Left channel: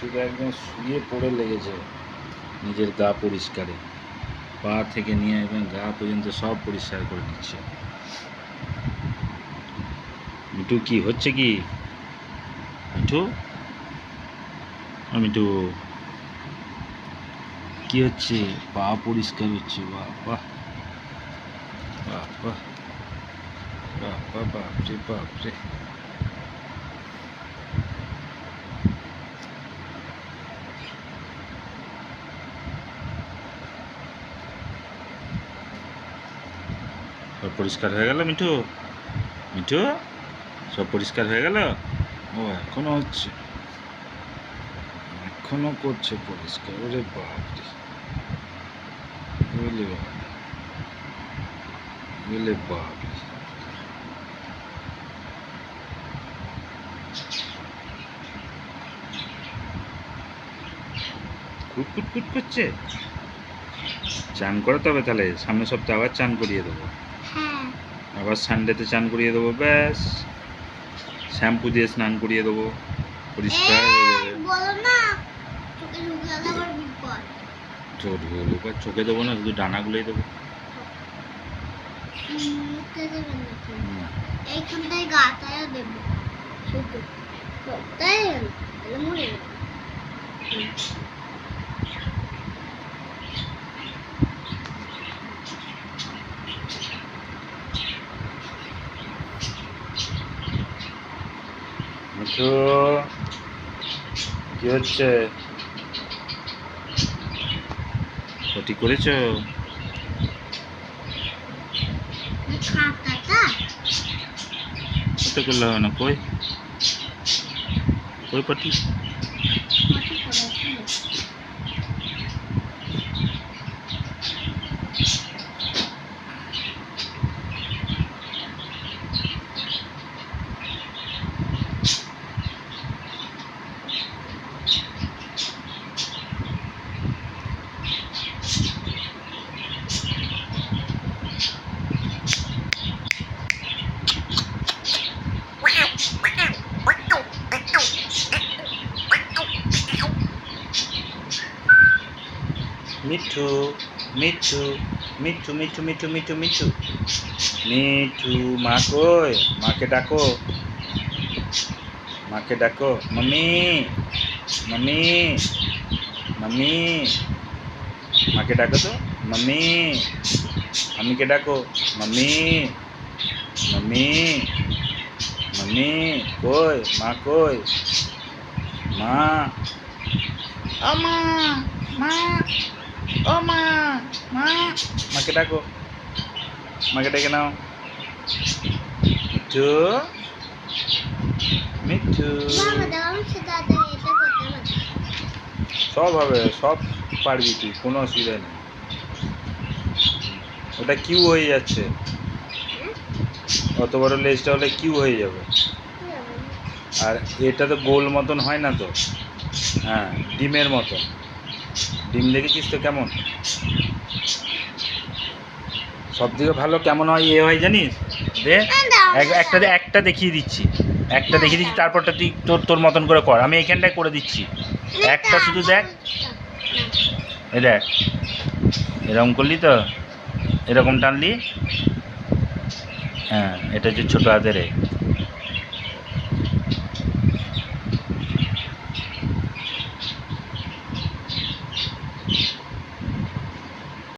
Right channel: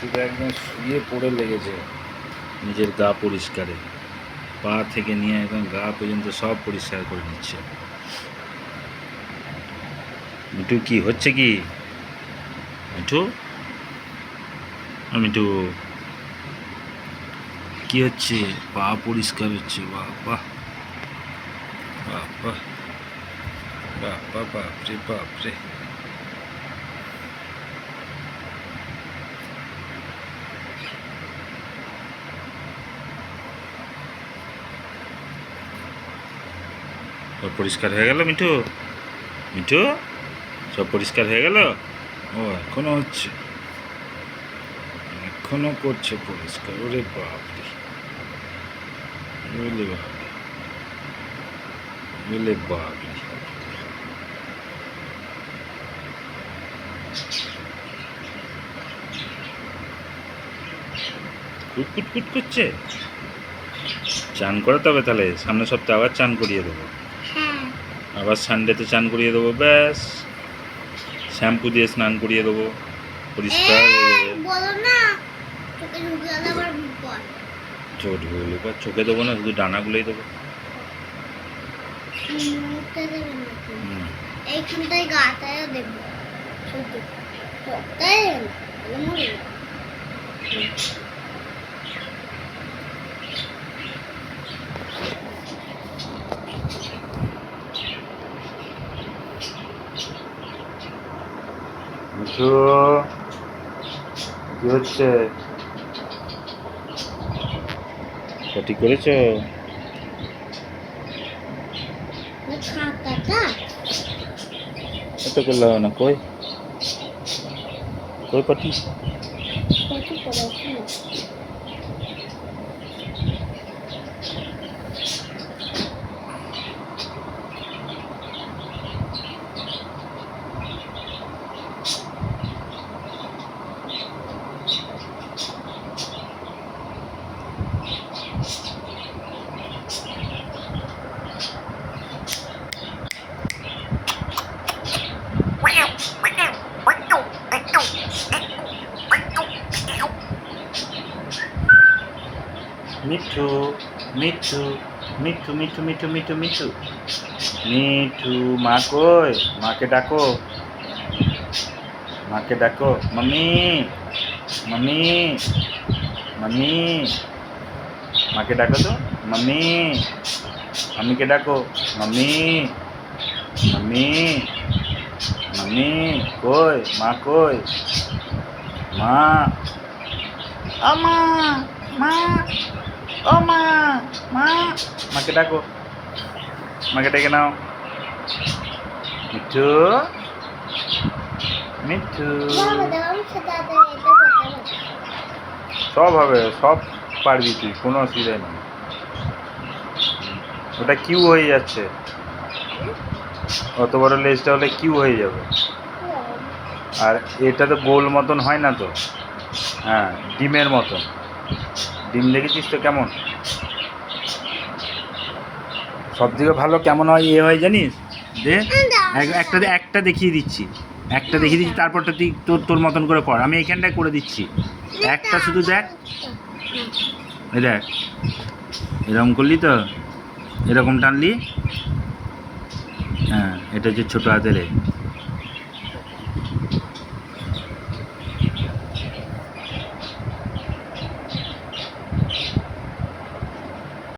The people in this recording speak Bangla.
মিঠু তো একদম শুয়ে পড়ে লেগেছে নিজের গা পরিষ্কারে, পা থেকে নিয়ে একদম গা পর্যন্ত সব পরিষ্কার করে নিচ্ছে। মিঠু কি হচ্ছে কি? মিঠু, মিঠু কি হচ্ছে? পা পরিষ্কার হচ্ছে। বাবা বাবা বাবা, বাপরে বাপরে। সব পরিষ্কার হয়ে গেল মিঠু? মিঠু সব পরিষ্কার হয়ে গেল? ও এখনো হচ্ছে, এখনো করছে পরিষ্কার। ওরে বাপরে, ওরে বাপরে, ওরে বাপরে। কুটকুট কুট করছে। চান করাতে হবে তাহলে, সামনের সপ্তাহে আবার চান করিয়ে দেবো। হ্যাঁ আবার সানডেতে চান করিয়ে দেবো, ব্যাস। শ্যাম্পু দিয়ে স্নান করিয়ে দেবো, পরিষ্কার হয়ে যাবে। বলো না চোখে ঢুকে গেলে আবার বিপদ। চোখ ঢুকে এবার চোখে দেবো না, শুধু ডানাগুলোই দেবো। মুখটা দেবেন না তো। হুম। এইখানটায় গাটায় দেবো শুধু, তাই মরে যাবে। মিঠু কি হচ্ছে? সঠিক করেছো? খাতাটা ওটা করলে হবে না। কই কই পাটি? কত করেছি? মিঠু মিঠু মিঠু মিঠু মিঠু মিঠু মিঠু মিঠু, মা কই? মাকে ডাকো, মাকে ডাকো। মাম্মি, মাম্মি, মাম্মি, মাকে ডাকো তো। মাম্মি, মাম্মিকে ডাকো। মাম্মি, মাম্মি, মাম্মি কই? মা কই? মা, ও মা, মা, ও মা, মা, মাকে ডাকো, মাকে ডেকে নাও। মিঠু, মিঠু, বাবা দাও আমি সেটা এটা করতে পারি। সব হবে, সব পারবি তুই, কোনো অসুবিধা নেই। ওটা কিউ হয়ে যাচ্ছে, অত বড় লেজটা হলে কিউ হয়ে যাবে। আর এটা তো গোল মতন হয় না তো, হ্যাঁ ডিমের মতন। ডিম দেখেছিস তো কেমন? সব থেকে ভালো কেমন হয় এ হয় জানিস? দে একটা দেখিয়ে দিচ্ছি, একটা দেখিয়ে দিচ্ছি, তারপরটা তুই তোর তোর মতন করে কর। আমি এইখানটায় করে দিচ্ছি, একটা শুধু দেখ। এই দেখ, এরকম করলি তো, এরকম টানলি, হ্যাঁ এটা হচ্ছে ছোটো হাতের এ।